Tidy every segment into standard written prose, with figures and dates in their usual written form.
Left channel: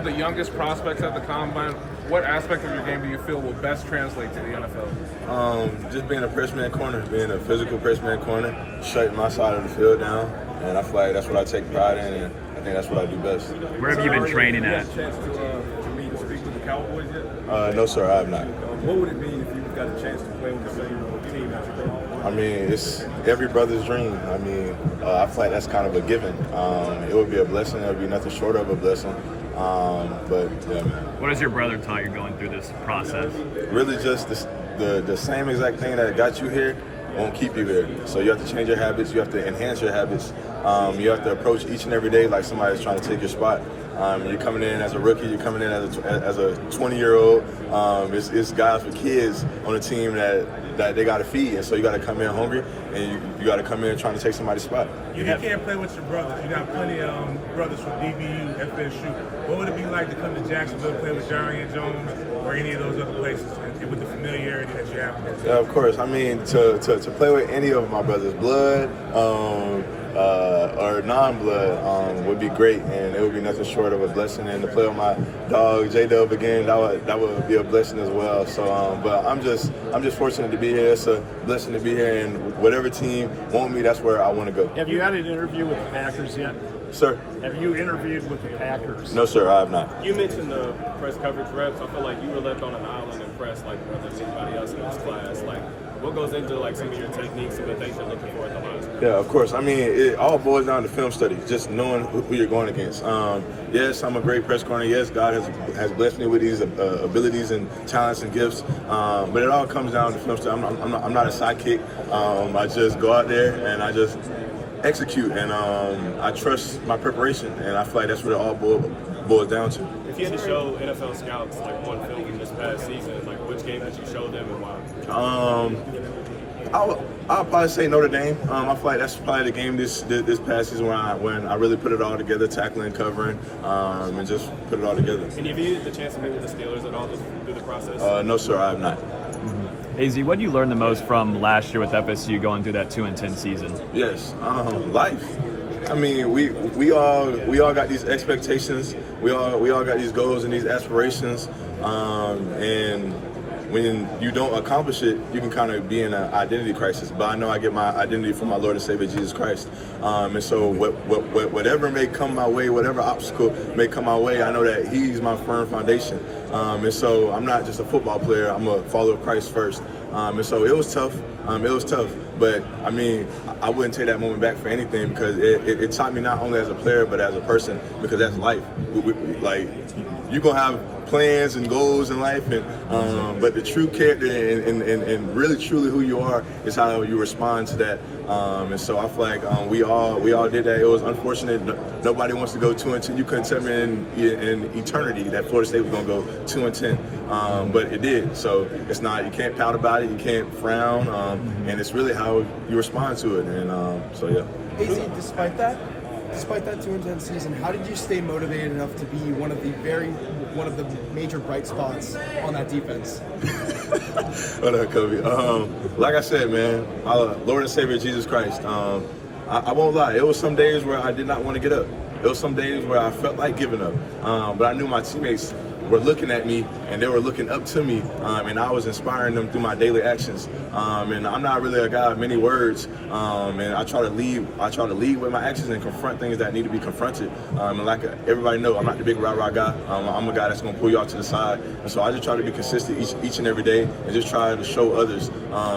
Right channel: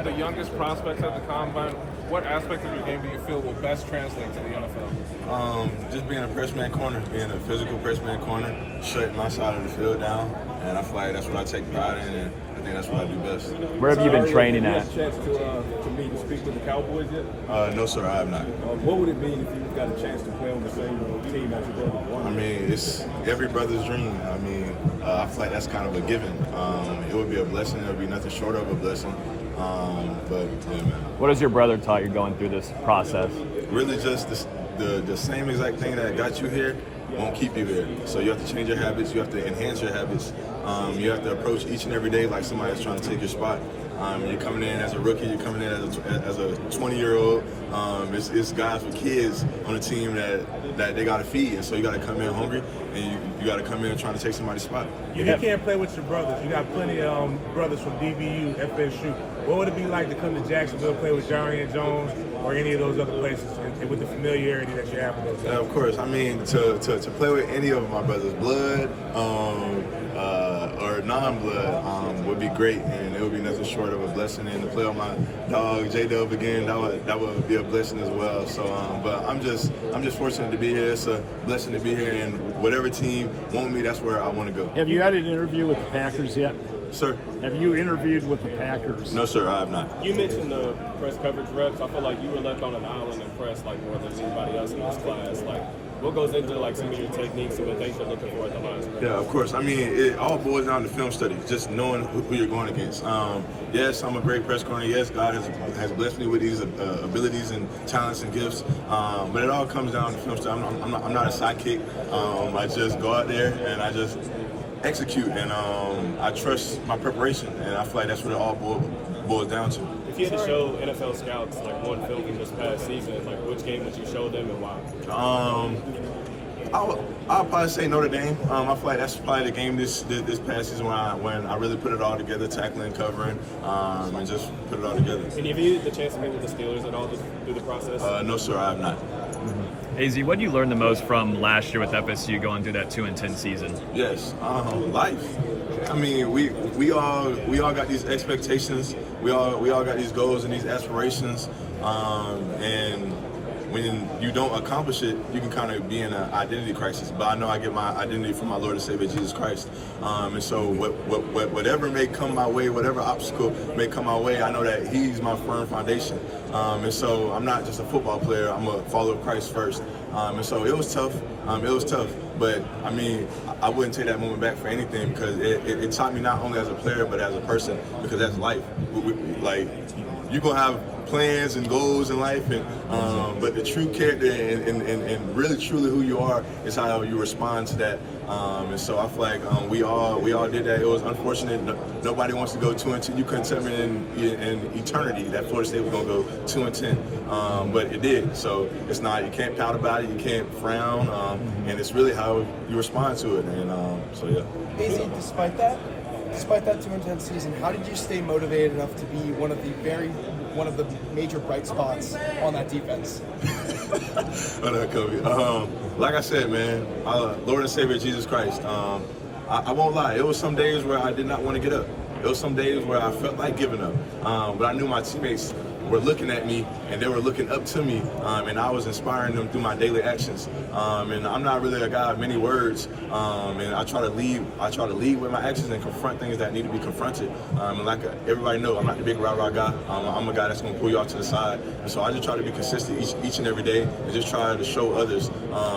of the youngest prospects at the combine, what aspect of your game do you feel will best translate to the NFL? Just being a press man corner, being a physical press man corner, shutting my side of the field down, and I feel like that's what I take pride in, and I think that's what I do best. Where have you been training at? Have you had a chance to meet and speak with the Cowboys yet? No, sir, I have not. What would it mean if you got a chance to play on the same team as your brother? I mean, it's every brother's dream. I mean, I feel like that's kind of a given. It would be a blessing. It would be nothing short of a blessing. But yeah, man. What has your brother taught you going through this process? Really just the same exact thing that got you here won't keep you here. So you have to change your habits. You have to enhance your habits. You have to approach each and every day like somebody's trying to take your spot. You're coming in as a rookie. You're coming in as a 20-year-old. It's guys with kids on a team that they got to feed, and so you got to come in hungry, and you got to come in trying to take somebody's spot. You can't play with your brothers. You got plenty of brothers from DBU, FSU. What would it be like to come to Jacksonville, play with Azareye'h Jones, or any of those other places, and with the familiarity that you have? Yeah, of course. I mean, to play with any of my brothers, blood or non-blood, would be great, and it would be nothing short of a blessing. And to play with my dog J-Dub again, that would be a blessing as well. So, but I'm just fortunate to be here. It's a blessing to be here, and whatever team want me, that's where I want to go. Have you had an interview with the Packers yet? Sir? Have you interviewed with the Packers? No, sir, I have not. You mentioned the press coverage reps. I feel like you were left on an island in press like more than anybody else in this class. Like, what goes into like some of your techniques and the things you're looking for in the lines? Yeah, of course. I mean, it all boils down to film study, just knowing who you're going against. Yes, I'm a great press corner. Yes, God has blessed me with these abilities and talents and gifts. But it all comes down to film study. I'm not a sidekick. I just go out there and I just execute, and I trust my preparation, and I feel like that's what it all boils down to. If you had to show NFL scouts like one film from this past season, like which game would you show them and why? I'll probably say Notre Dame. I feel like that's probably the game this past season when I really put it all together, tackling, covering, and just put it all together. And have you had the chance to meet with the Steelers at all through the process? No, sir, I have not. AZ, what did you learn the most from last year with FSU going through that 2-10 season? Yes, life. I mean, we all got these expectations. We all got these goals and these aspirations, and when you don't accomplish it, you can kind of be in an identity crisis. But I know I get my identity from my Lord and Savior Jesus Christ, and so whatever may come my way, whatever obstacle may come my way, I know that He's my firm foundation. And so I'm not just a football player; I'm a follower of Christ first. And so it was tough. But I mean, I wouldn't take that moment back for anything, because it taught me not only as a player but as a person, because that's life. Like, you're gonna have plans and goals in life, and but the true character and really truly who you are is how you respond to that. And so I feel like we all did that. It was unfortunate. Nobody wants to go 2-10. You couldn't tell me in eternity that Florida State was gonna go 2-10, but it did. So it's not. You can't pout about it. You can't frown, and it's really how you respond to it. And so yeah. Daisy, despite that 2-10 season, how did you stay motivated enough to be one of the major bright spots on that defense? What up, Kobe? Like I said, man, Lord and Savior Jesus Christ. I won't lie. It was some days where I did not want to get up. It was some days where I felt like giving up. But I knew my teammates were looking at me, and they were looking up to me, and I was inspiring them through my daily actions. And I'm not really a guy of many words, and I try to lead with my actions and confront things that need to be confronted. And like everybody knows, I'm not the big rah-rah guy. I'm a guy that's going to pull you off to the side. And so I just try to be consistent each and every day, and just try to show others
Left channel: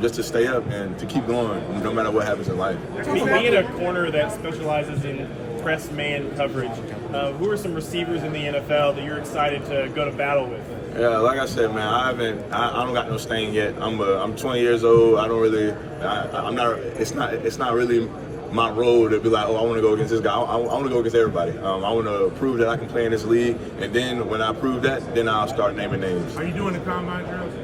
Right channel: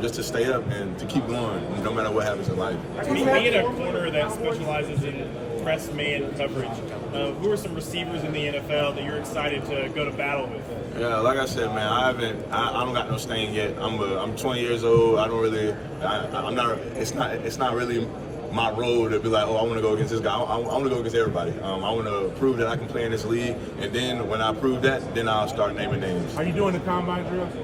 just to stay up and to keep going no matter what happens in life. Being a corner that specializes in press man coverage, who are some receivers in the NFL that you're excited to go to battle with? Yeah, like I said, man, I don't got no stain yet. I'm 20 years old. It's not really my role to be like, oh, I want to go against this guy. I want to go against everybody. I want to prove that I can play in this league, and then when I prove that, then I'll start naming names. Are you doing the combine drills?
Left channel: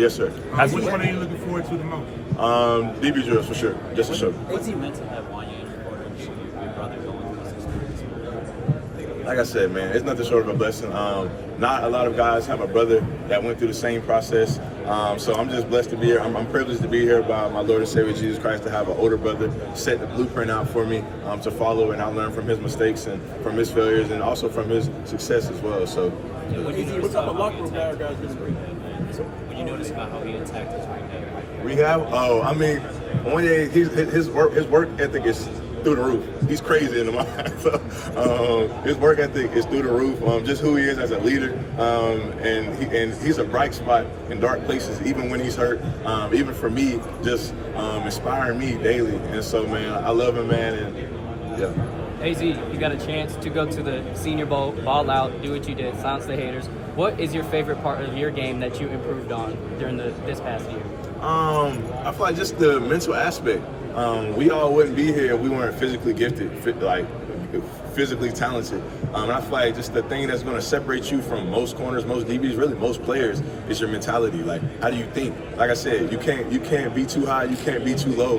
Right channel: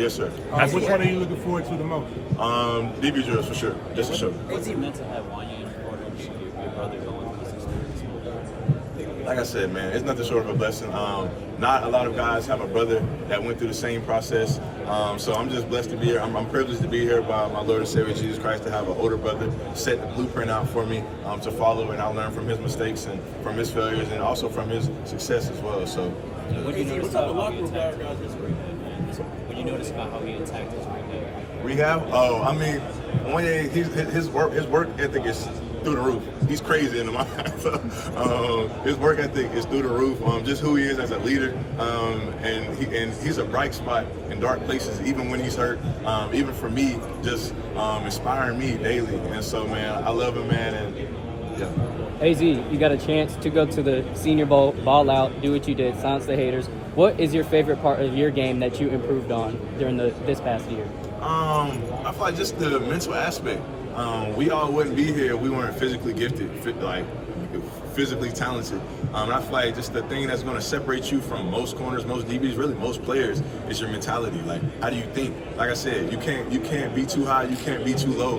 Yes, sir. Which one are you looking forward to the most? DB drills for sure, just to show. What's he meant to have on you in quarters? Your brother going to this experience? Like I said, man, it's nothing short of a blessing. Not a lot of guys have a brother that went through the same process. So I'm just blessed to be here. I'm privileged to be here by my Lord and Savior Jesus Christ, to have an older brother set the blueprint out for me to follow, and I learn from his mistakes and from his failures and also from his success as well. So. What do you notice about how he attacked his ring? What do you notice about how he attacked his ring? Rehab? Oh, I mean, one day his work ethic is through the roof. He's crazy in the mind. So, his work ethic is through the roof. Just who he is as a leader, and he's a bright spot in dark places, even when he's hurt. Even for me, just inspiring me daily. And so, man, I love him, man. And yeah. AZ, you got a chance to go to the Senior Bowl, ball out, do what you did, silence the haters. What is your favorite part of your game that you improved on during this past year? I feel like just the mental aspect. We all wouldn't be here if we weren't physically gifted, physically talented. And I feel like just the thing that's going to separate you from most corners, most DBs, really most players, is your mentality. Like, how do you think? Like I said, you can't be too high, you can't be too low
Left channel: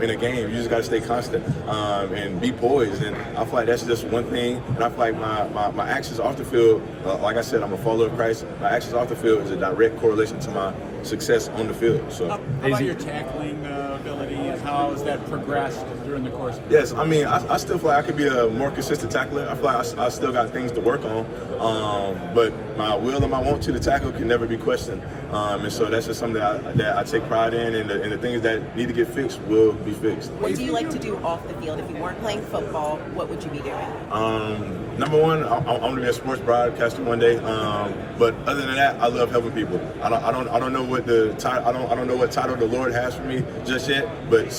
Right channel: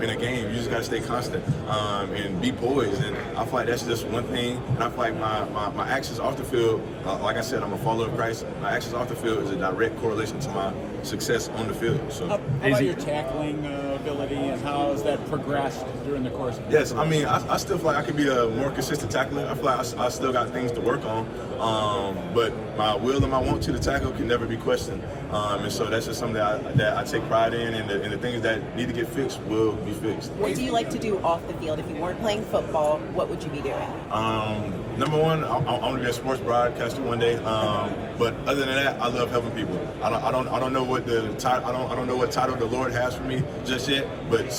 in a game. You just got to stay constant and be poised. And I feel like that's just one thing. And I feel like my actions off the field, like I said, I'm a follower of Christ. My actions off the field is a direct correlation to my success on the field. So, how about your tackling ability, and how has that progressed during the course of the Yes, I mean, I still feel like I could be a more consistent tackler. I feel like I still got things to work on, but my will and my want to tackle can never be questioned. And so that's just something that I take pride in, and the things that need to get fixed will be fixed. What do you like to do off the field? If you weren't playing football, what would you be doing? Number one, I want to be a sports broadcaster one day. But other than that, I love helping people. I don't know what I don't know what title the Lord has for me just yet, but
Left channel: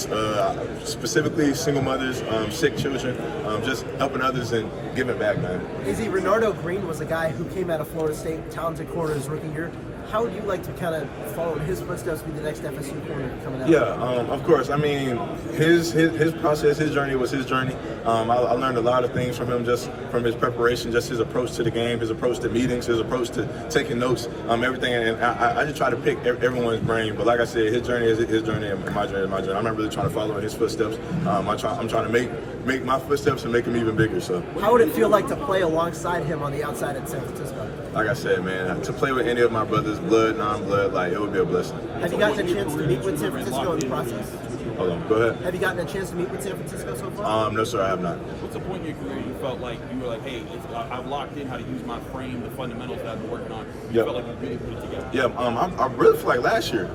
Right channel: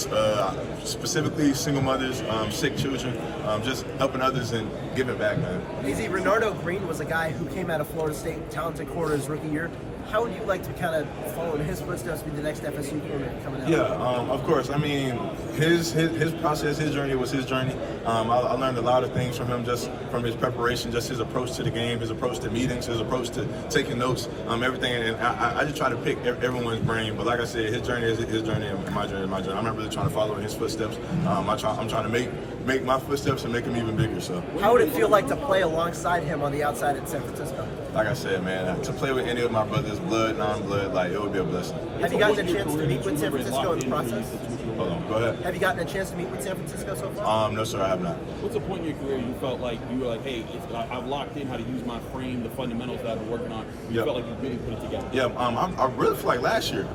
specifically single mothers, sick children, just helping others and giving back, man. Easy. Renardo Green was a guy who came out of Florida State, talented corner his rookie year. How would you like to kind of follow in his footsteps with the next FSU corner coming out? Yeah, of course. I mean, his process, his journey was his journey. I learned a lot of things from him, just from his preparation, just his approach to the game, his approach to meetings, his approach to taking notes, everything. And I just try to pick everyone's brain. But like I said, his journey is his journey, and my journey is my journey. I'm not really trying to follow in his footsteps. I'm trying to make my footsteps and make them even bigger. So, how would it feel like to play alongside him on the outside in San Francisco? Like I said, man, to play with any of my brothers, blood, non-blood, like, it would be a blessing. Have you gotten a chance to meet with San Francisco in the process? Hold on, go ahead. Have you gotten a chance to meet with San Francisco so far? No, sir, I have not. What's the point in your career you felt like you were like, hey, I've locked in how to use my frame, the fundamentals that I've been working on. You felt like you really put it together. Yeah, I really feel like last year.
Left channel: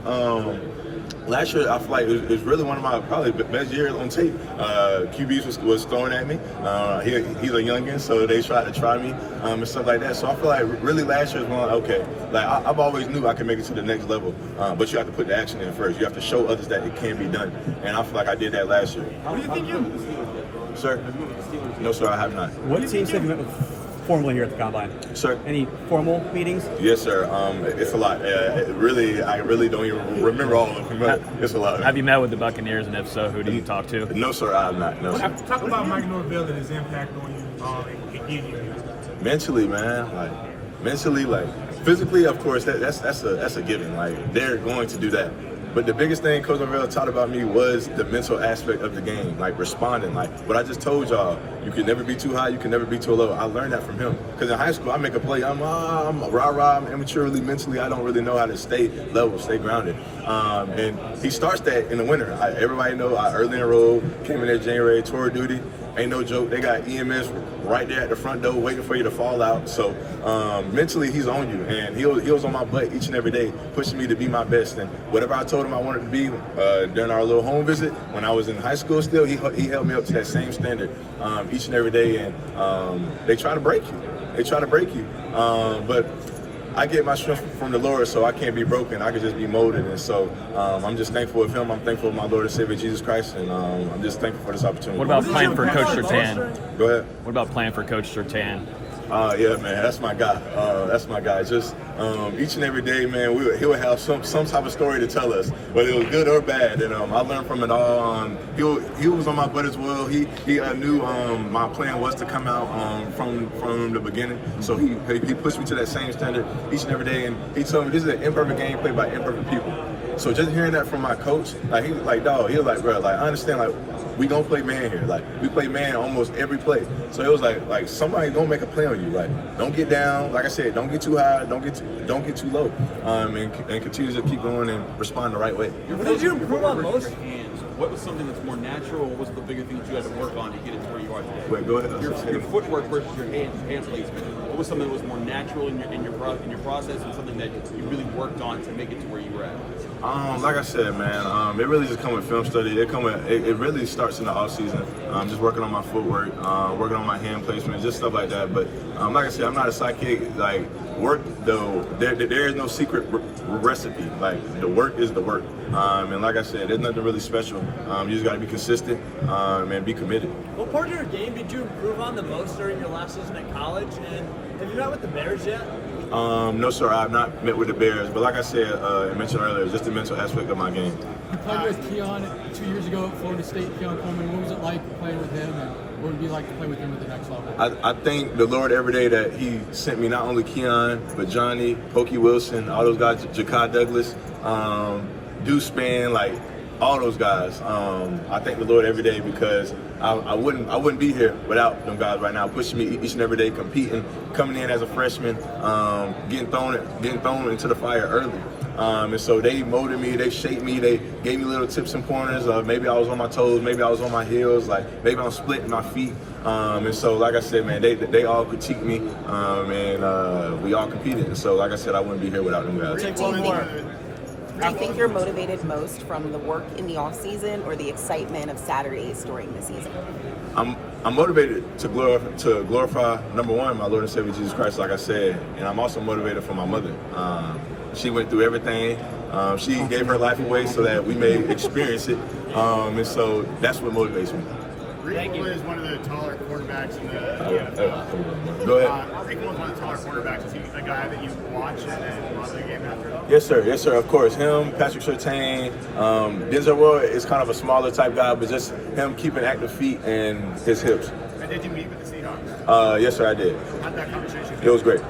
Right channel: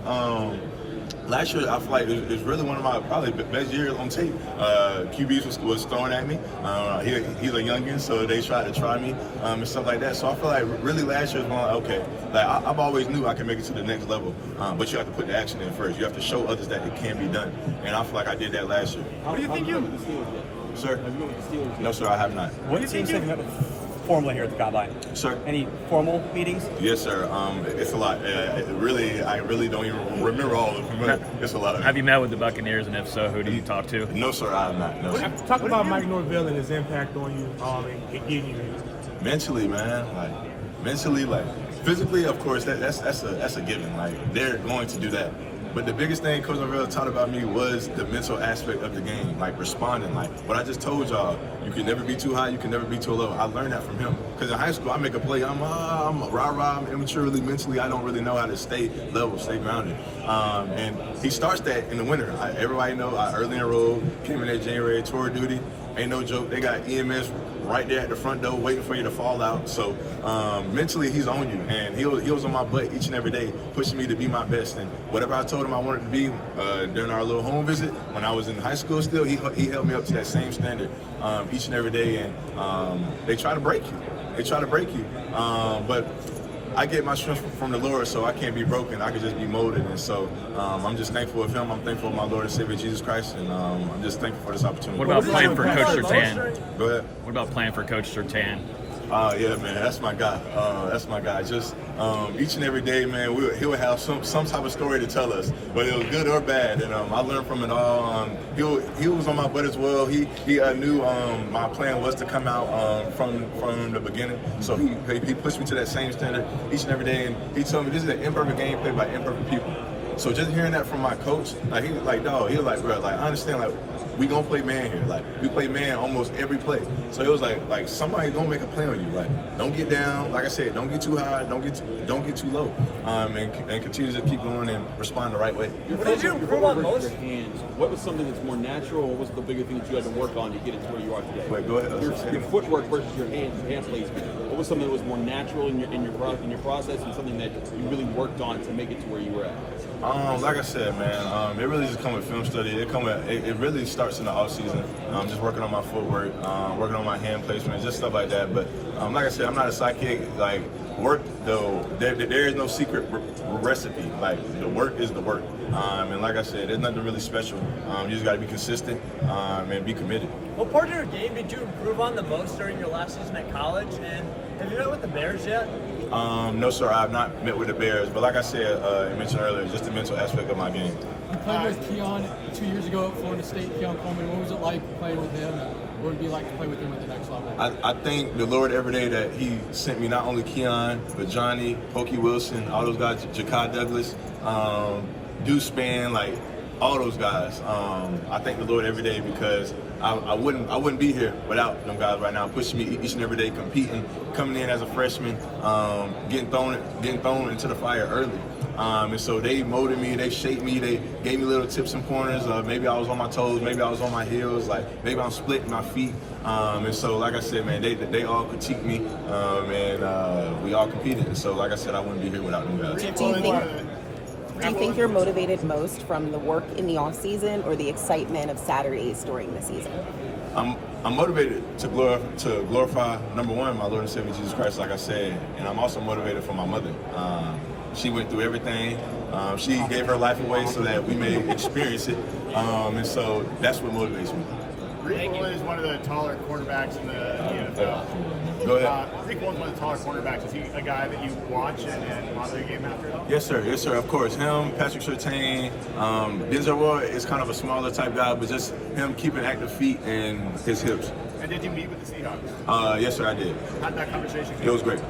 Last year, I feel like it was really one of my probably best years on tape. QBs was throwing at me. He's a youngin, so they tried to try me and stuff like that. So I feel like really last year was one like, okay, like I've always knew I could make it to the next level, but you have to put the action in first. You have to show others that it can be done, and I feel like I did that last year. What do you think you? Sir? No, sir, I have not. What do you think you? Formally here at the Combine? Sir? Any formal meetings? Yes, sir. It's a lot. I really don't even remember all of them. It's a lot. Have you met with the Buccaneers, and if so, who do you talk to? No, sir, I have not. No, sir. Talk about Mike Norvell and his impact on you, and gave you. Mentally, man. Mentally, physically, of course, that's a given. Like, they're going to do that. But the biggest thing Coach Norvell taught about me was the mental aspect of the game, like responding. Like what I just told y'all, you can never be too high, you can never be too low. I learned that from him. Because in high school, I make a play, I'm rah-rah, I'm immaturely, mentally, I don't really know how to stay level, stay grounded. And he starts that in the winter. Everybody know I early in the road, came in there January, tour duty. Ain't no joke, they got EMS right there at the front door waiting for you to fall out. So mentally, he's on you. And he was on my butt each and every day, pushing me to be my best. And whatever I told him I wanted to be during our little home visit, when I was in high school still, he held me up to that same standard each and every day. And they try to break you. But I get my strength from the Lord, so I can't be broken. I can just be molded. And so I'm just thankful of him. I'm thankful of my Lord and Savior, Jesus Christ. And I'm just thankful for this opportunity. What about playing for Coach Surtain? Go ahead. What about playing for Coach Surtain? Yeah, man, that's my guy. That's my guy. Just each and every day, man, he would have some type of story to tell us, whether it was good or bad. And I learned from it all. He was on my butt as well. He knew my plan was to come out from the beginning. So he pushed me to that same standard each and every day. And he told me this is an imperfect game played by imperfect people. So just hearing that from my coach, like he was like, dog, he was like, bro, like I understand, like we gonna play man here, like we play man almost every play. So it was like somebody gonna make a play on you, like don't get down, like I said, don't get too high, don't get too low, and continue to keep going and respond the right way. What did you improve on most? What was something that's more natural? What was the bigger thing that you had to work on to get it to where you are today? Wait, go ahead. Your footwork versus your hand release. What was something that was more natural in your process, and something that you really worked on to make it to where you were at? Like I said, man, it really just come with film study. It really starts in the off season. Just working on my footwork, working on my hand placement, just stuff like that. But like I said, I'm not a psychic. Like work though, there is no secret recipe. Like the work is the work. And like I said, there's nothing really special. You just got to be consistent and be committed. What part of your game did you improve on the most during your last season at college? And have you met with the Bears yet? No, sir, I have not met with the Bears. But like I said, I mentioned earlier, just the mental aspect of my game. You played with Keon 2 years ago at Florida State, Keon Coleman. What was it like playing with him? And what would it be like to play with him at the next level? I thank the Lord every day that He sent me not only Keon, but Johnny, Pokey Wilson, all those guys, Ja'Kai Douglas, Deuce Spann, like all those guys. I thank the Lord every day because I wouldn't be here without them guys right now, pushing me each and every day, competing, coming in as a freshman, getting thrown into the fire early. And so they molded me, they shaped me, they gave me little tips and pointers. Maybe I was on my toes, maybe I was on my heels, like maybe I'm splitting my feet. And so, like I said, man, they all critiqued me, and we all competed. And so, like I said, I wouldn't be here without them guys. Do you think you're motivated most from the work in the off season or the excitement of Saturdays during the season? I'm motivated to glorify number one, my Lord and Savior Jesus Christ, like I said, and I'm also motivated for my mother. She went through everything. She gave her life away so that we may experience it, and so that's what motivates me. Rick is one of the taller quarterbacks in the NFL. Go ahead. Rick is one of the taller quarterbacks. Is he a guy that you watch and watch the game after? Yes, sir, of course. Him, Patrick Surtain, Denzel Roy is kind of a smaller type guy, but just him keeping active feet and his hips. And did you meet with the Seahawks? Yes, sir, I did. How'd that conversation go? It was great.